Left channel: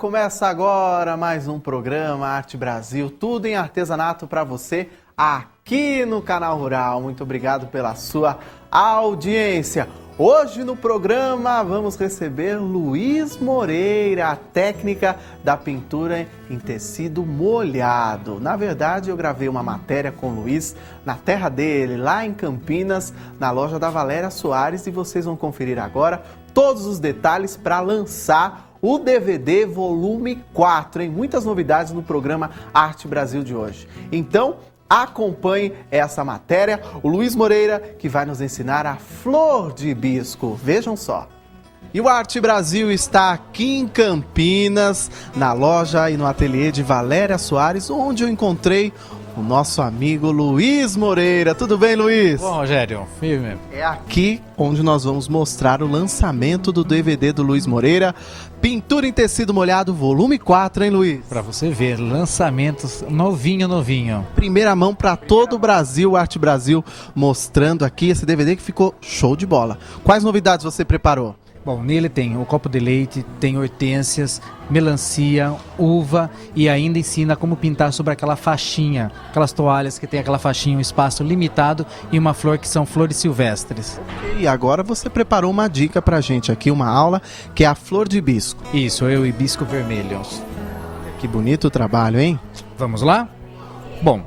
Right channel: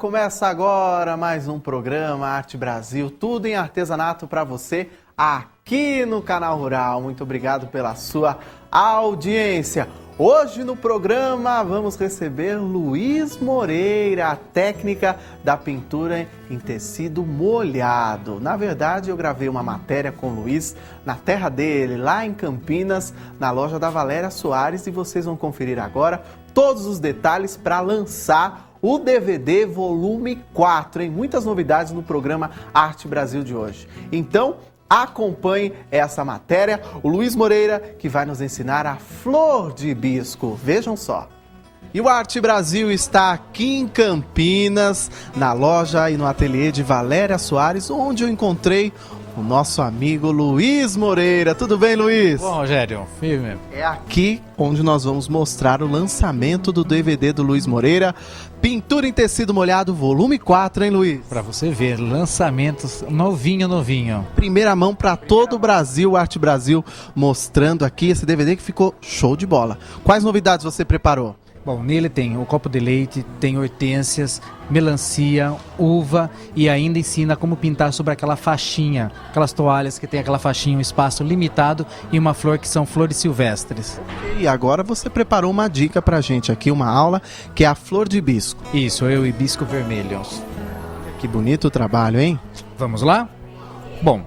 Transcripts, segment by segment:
Começa agora mais um programa Arte Brasil, tudo em artesanato para você aqui no Canal Rural. Muito obrigado pela sua audiência. Hoje no programa vamos receber Luiz Moreira, a técnica da pintura em tecido molhado. Na verdade, eu gravei uma matéria com o Luiz na terra dele, lá em Campinas, na loja da Valéria Soares, e vocês vão conferir agora todos os detalhes para lançar o DVD volume 4, hein? Muitas novidades no programa Arte Brasil de hoje. Então, acompanhe essa matéria. O Luiz Moreira que vai nos ensinar a flor de hibisco. Vejam só. E o Arte Brasil está aqui em Campinas, na loja e no ateliê de Valéria Soares, onde eu encontrei o nosso amigo Luiz Moreira. Tudo bem, Luiz? Bom, Rogério, firme. É aqui onde nós vamos mostrar o lançamento do DVD do Luiz Moreira, Pintura em Tecido Molhado, volume 4, hein, Luiz? Pra você ver, lançamentos novinho. Primeira mão para todo o Brasil, Arte Brasil, mostrando aqui esse DVD que ficou show de bola. Quais novidades você preparou? Bom, nele tem o copo de leite, tem hortênsias, melancia, uva e ainda ensina como pintar sobre aquela faixinha, aquelas toalhas que tem aquela faixinha, um espaço limitado e uma flor que são flores silvestres. E agora você preparou uma dica pra gente aqui, uma aula, que é a flor de hibisco. Isso, eu hibisco vermelho. Que bonito o trabalho, hein? Vamos lá? Bom,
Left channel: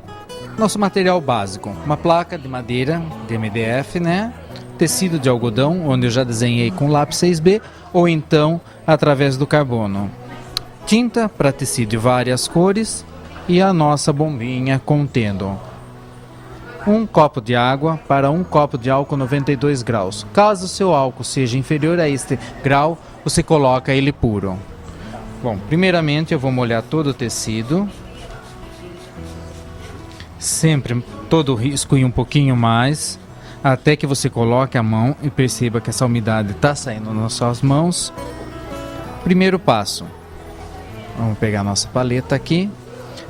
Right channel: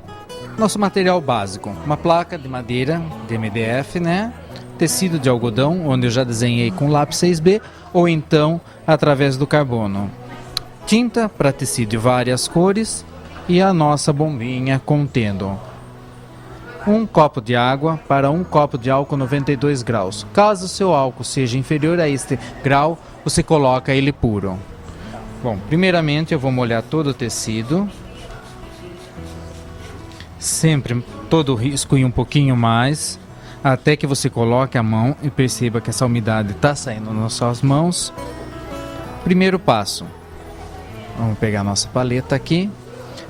nosso material básico, uma placa de madeira de MDF, né? Tecido de algodão, onde eu já desenhei com lápis 6B, ou então através do carbono. Tinta para tecido de várias cores e a nossa bombinha contendo um copo de água para um copo de álcool 92 graus. Caso o seu álcool seja inferior a este grau, você coloca ele puro. Bom, primeiramente eu vou molhar todo o tecido, sempre todo o risco e um pouquinho mais, até que você coloque a mão e perceba que essa umidade está saindo nas suas mãos. Primeiro passo, vamos pegar a nossa paleta aqui,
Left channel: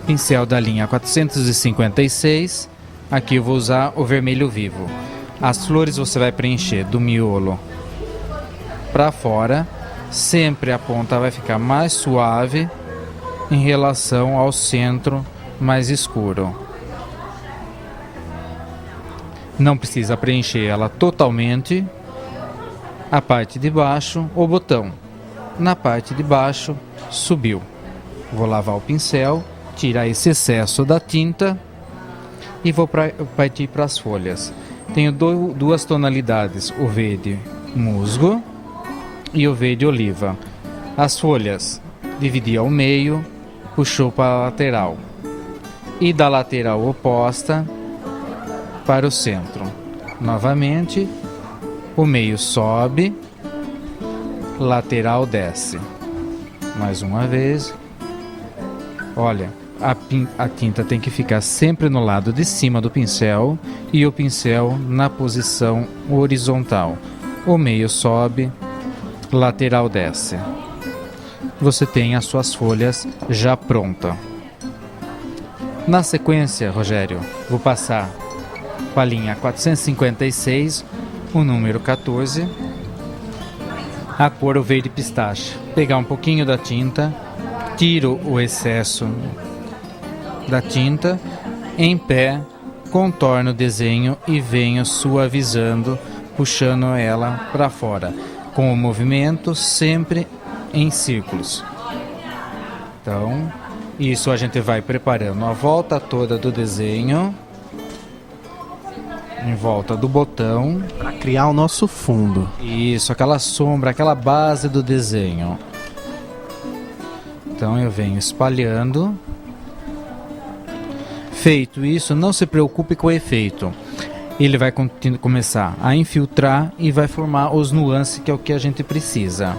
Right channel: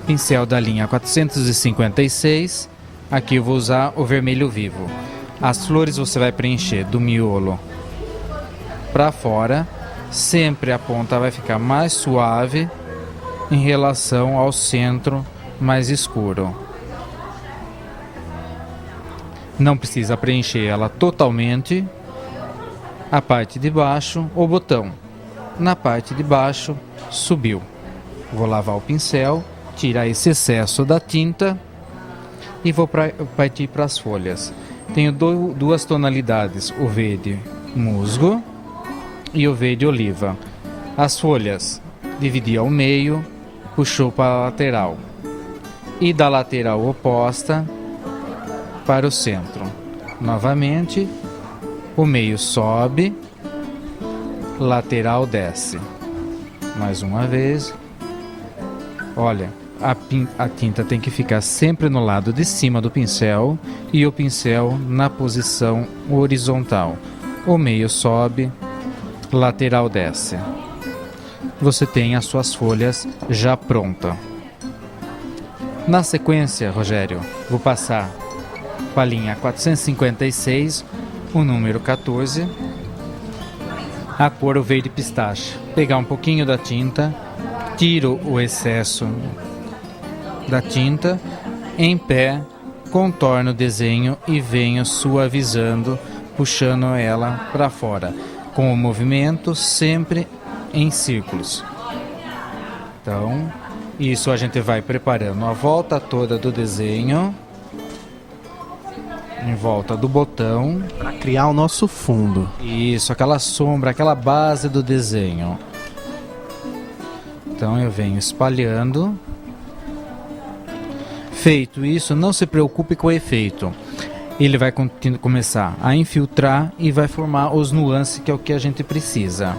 pincel da linha 456, aqui eu vou usar o vermelho vivo. As flores você vai preencher do miolo para fora, sempre a ponta vai ficar mais suave em relação ao centro mais escuro. Não precisa preencher ela totalmente. A parte de baixo, o botão. Na parte de baixo, subiu. Vou lavar o pincel, tirar esse excesso da tinta e vou partir para as folhas. Tenho duas tonalidades, o verde musgo e o verde oliva. As folhas, dividi ao meio, puxou para a lateral. E da lateral oposta para o centro. Novamente, o meio sobe, lateral desce. Mais uma vez. Olha, a tinta tem que ficar sempre no lado de cima do pincel e o pincel na posição horizontal. O meio sobe, lateral desce. Você tem as suas folhas já prontas. Na sequência, Rogério, vou passar com a linha 456, o número 14, a cor o verde pistache. Pegar um pouquinho da tinta, tiro o excesso da tinta, em pé, contorno o desenho e venho suavizando, puxando ela para fora, com o movimento sempre em círculos. Então, isso a gente vai preparando a volta toda do desenho, em volta do botão, para criar o nosso fundo. Isso, aquela sombra, aquela base do desenho. Então eu venho espalhando. Feito isso, não se preocupe com o efeito. Ele vai começar a infiltrar e vai formar os nuances, que é o que a gente precisa.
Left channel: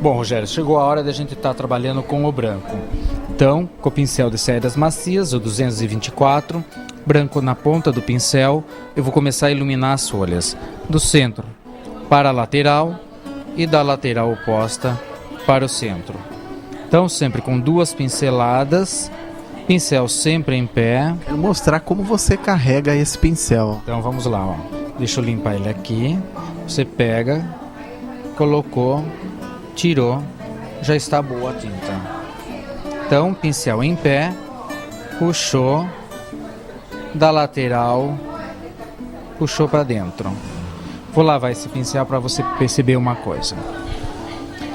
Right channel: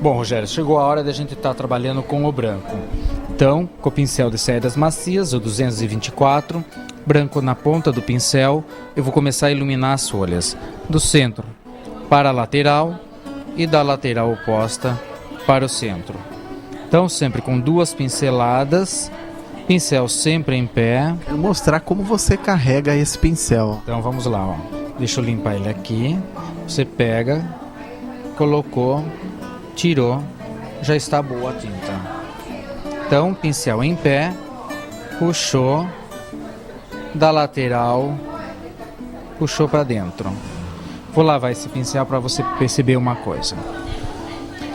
Bom, Rogério, chegou a hora da gente estar trabalhando com o branco. Então, com o pincel de cerdas macias, o 224, branco na ponta do pincel, eu vou começar a iluminar as folhas, do centro para a lateral e da lateral oposta para o centro. Então, sempre com duas pinceladas, pincel sempre em pé. Quero mostrar como você carrega esse pincel. Então, vamos lá, ó. Deixa eu limpar ele aqui. Você pega, colocou, tirou, já está boa a tinta. Então, pincel em pé, puxou da lateral, puxou para dentro. Vou lavar esse pincel para você perceber uma coisa.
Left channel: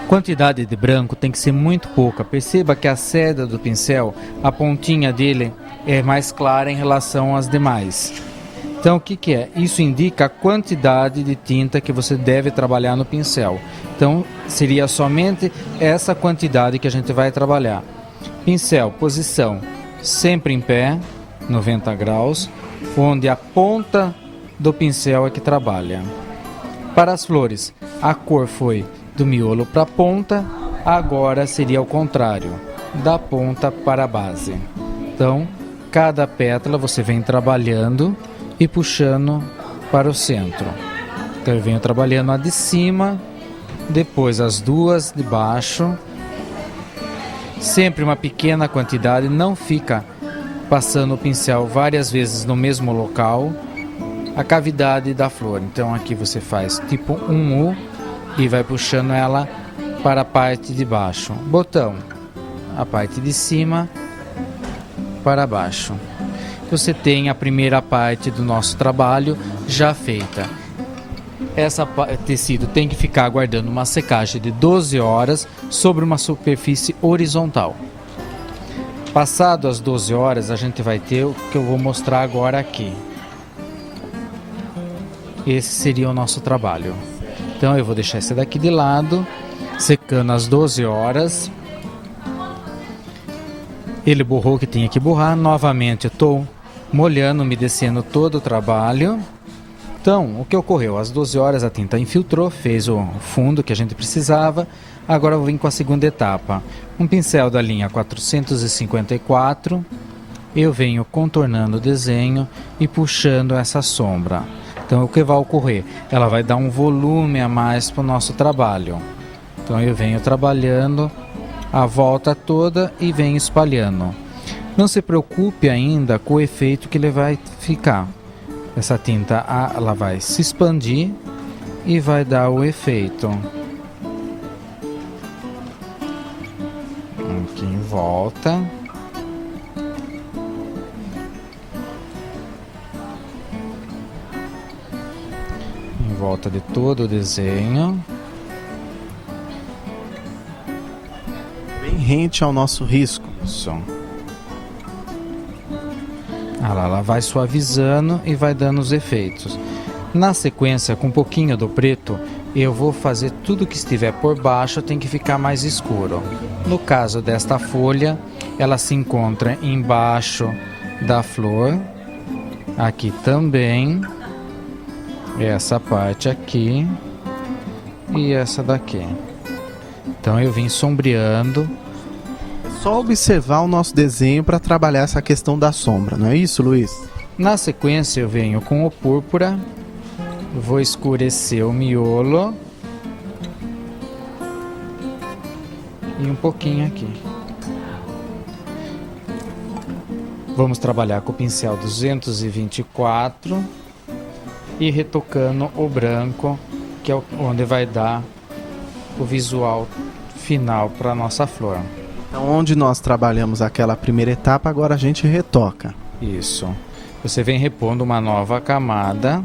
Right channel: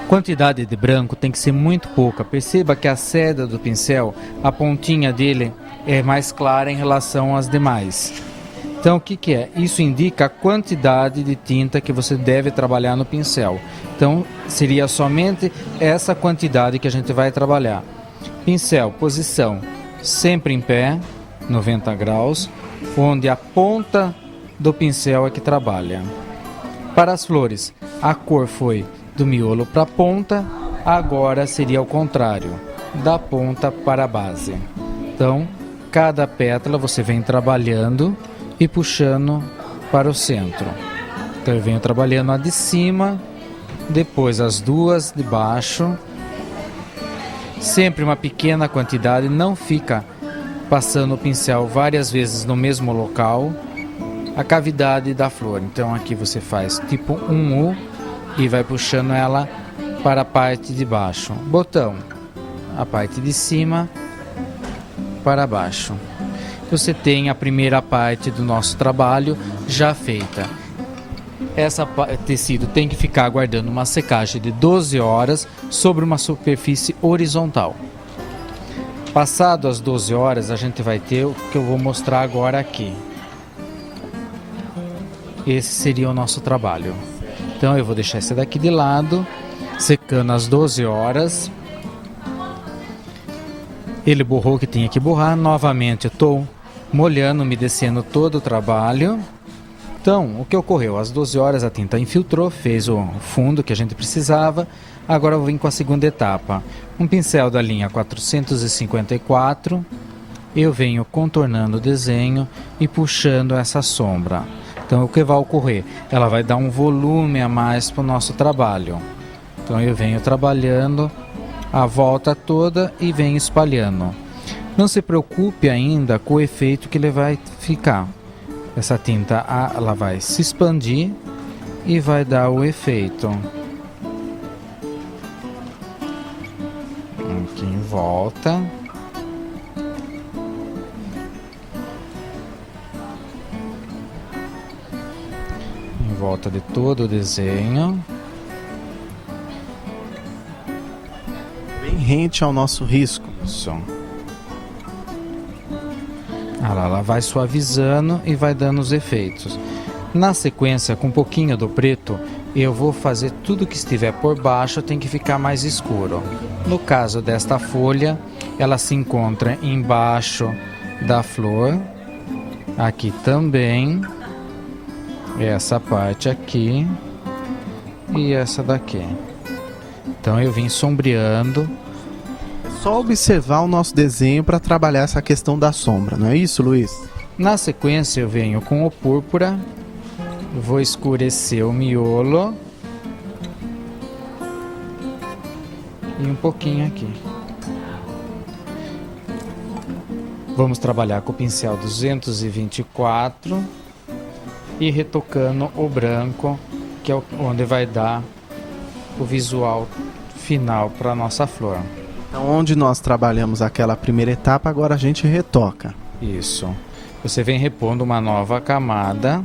Quantidade de branco tem que ser muito pouca. Perceba que a seda do pincel, a pontinha dele é mais clara em relação às demais. Então, o que é? Isso indica a quantidade de tinta que você deve trabalhar no pincel. Então, seria somente essa quantidade que a gente vai trabalhar. Pincel, posição, sempre em pé, 90 graus, onde a ponta do pincel é que trabalha. Para as flores, a cor foi do miolo para a ponta, agora seria o contrário, da ponta para a base. Então, cada pétala você vem trabalhando e puxando para o centro. Então, eu venho trabalhando a de cima, depois as duas de baixo, sempre uma pequena quantidade, não fica passando o pincel várias vezes no mesmo local. A cavidade da flor, então aqui você faz tipo um U e vai puxando ela para a parte de baixo. Botão, a parte de cima para baixo. Você tem a primeira parte do nosso trabalho já feita. Essa tecido tem que ficar aguardando uma secagem de 12 horas sobre uma superfície horizontal. Passado as 12 horas, a gente vai ter o que eu vou mostrar agora aqui. Esse seria o nosso trabalho. Então eu vou deixar esse daqui de lado, secando às 12 horas. Ele borrou o que tinha que borrar. Novamente eu estou molhando, umedecendo todo o trabalho. Então, o que ocorreu? Às 12 horas a tinta infiltrou, fez o fundo que a gente precisava. Agora eu vim com a segunda etapa. Um pincel da linha 454. Eu venho contornando o desenho e puxando essa sombra. Então, o que vai ocorrer? Ela vai dar um volume a mais para o nosso trabalho. Então, eu venho trabalhando a volta toda e venho espalhando. Não se preocupe ainda com o efeito que ele vai ficar. Essa tinta, ela vai se expandir e vai dar o efeito. Aqui em volta. Volta de todo o desenho. Bem rente ao nosso risco. Isso. Ela vai suavizando e vai dando os efeitos. Na sequência, com um pouquinho do preto, eu vou fazer tudo que estiver por baixo, tem que ficar mais escuro. No caso desta folha, ela se encontra embaixo da flor. Aqui também. Essa parte aqui e essa daqui. Então eu vim sombreando. Só observar o nosso desenho para trabalhar essa questão da sombra, não é isso, Luiz? Na sequência eu venho com o púrpura, vou escurecer o miolo e um pouquinho aqui. Vamos trabalhar com o pincel 224 e retocando o branco, que é onde vai dar o visual final para a nossa flor. Então, onde nós trabalhamos aquela primeira etapa, agora a gente retoca. Isso. Você vem repondo uma nova camada.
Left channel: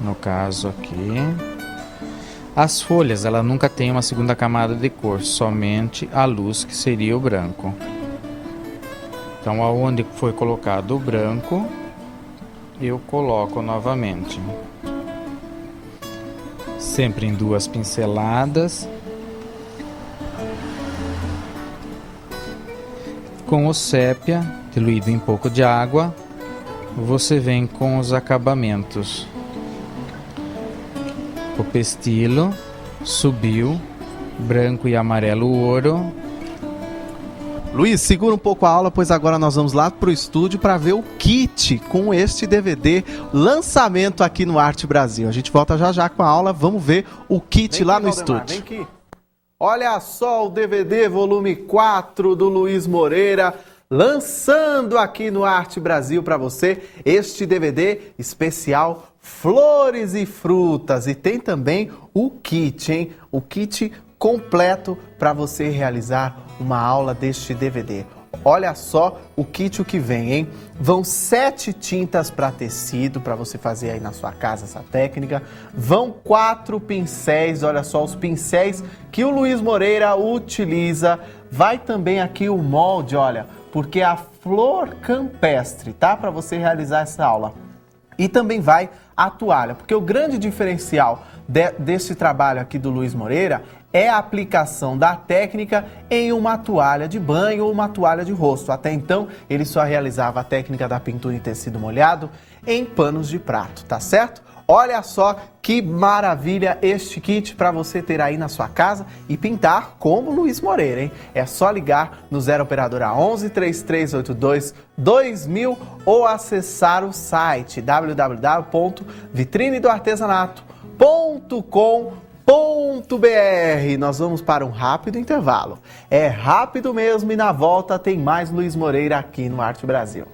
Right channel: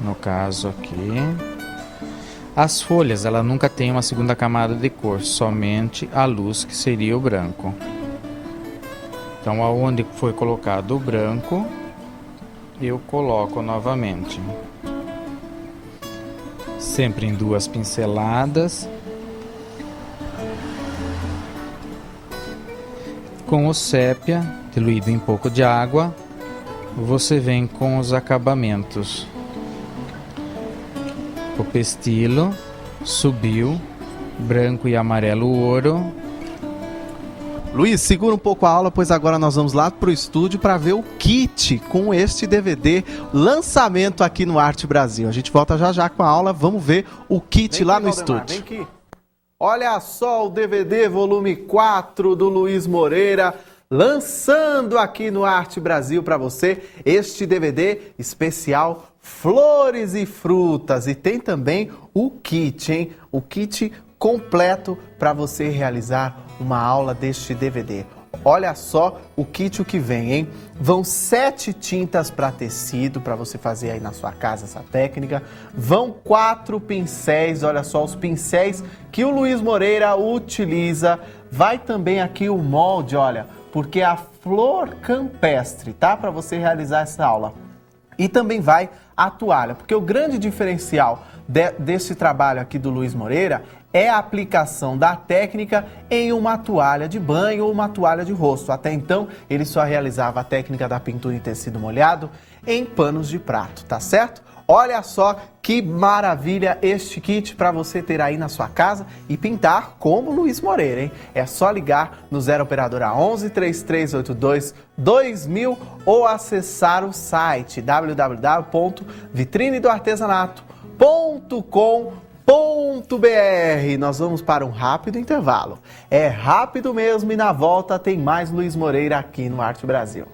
No caso aqui. As folhas, ela nunca tem uma segunda camada de cor, somente a luz, que seria o branco. Então, aonde foi colocado o branco, eu coloco novamente. Sempre em duas pinceladas. Com o sépia, diluído em pouco de água, você vem com os acabamentos. O pestilo subiu, branco e amarelo ouro. Luiz, segura um pouco a aula, pois agora nós vamos lá pro estúdio para ver o kit com este DVD, lançamento aqui no Arte Brasil. A gente volta já já com a aula, vamos ver o kit lá no estúdio. Vem aqui. Olha só o DVD volume 4 do Luiz Moreira, lançando aqui no Arte Brasil para você este DVD especial Flores e Frutas. E tem também o kit, hein? O kit completo para você realizar uma aula deste DVD. Olha só o kit que vem, hein? Vão 7 tintas para tecido, para você fazer aí na sua casa essa técnica. Vão 4 pincéis, olha só os pincéis que o Luiz Moreira utiliza. Vai também aqui o molde, olha, porque é a flor campestre, tá? Para você realizar essa aula. E também vai a toalha, porque o grande diferencial desse trabalho aqui do Luiz Moreira é a aplicação da técnica em uma toalha de banho ou uma toalha de rosto. Até então, ele só realizava a técnica da pintura em tecido molhado em panos de prato, tá certo? Olha só que maravilha este kit para você ter aí na sua casa e pintar como Luiz Moreira, hein? É só ligar no 0 operadora 11 3382 2000 ou acessar o site www.vitrinedoartesanato.com.br. Nós vamos para um rápido intervalo. É rápido mesmo e na volta tem mais Luiz Moreira aqui no Arte Brasil.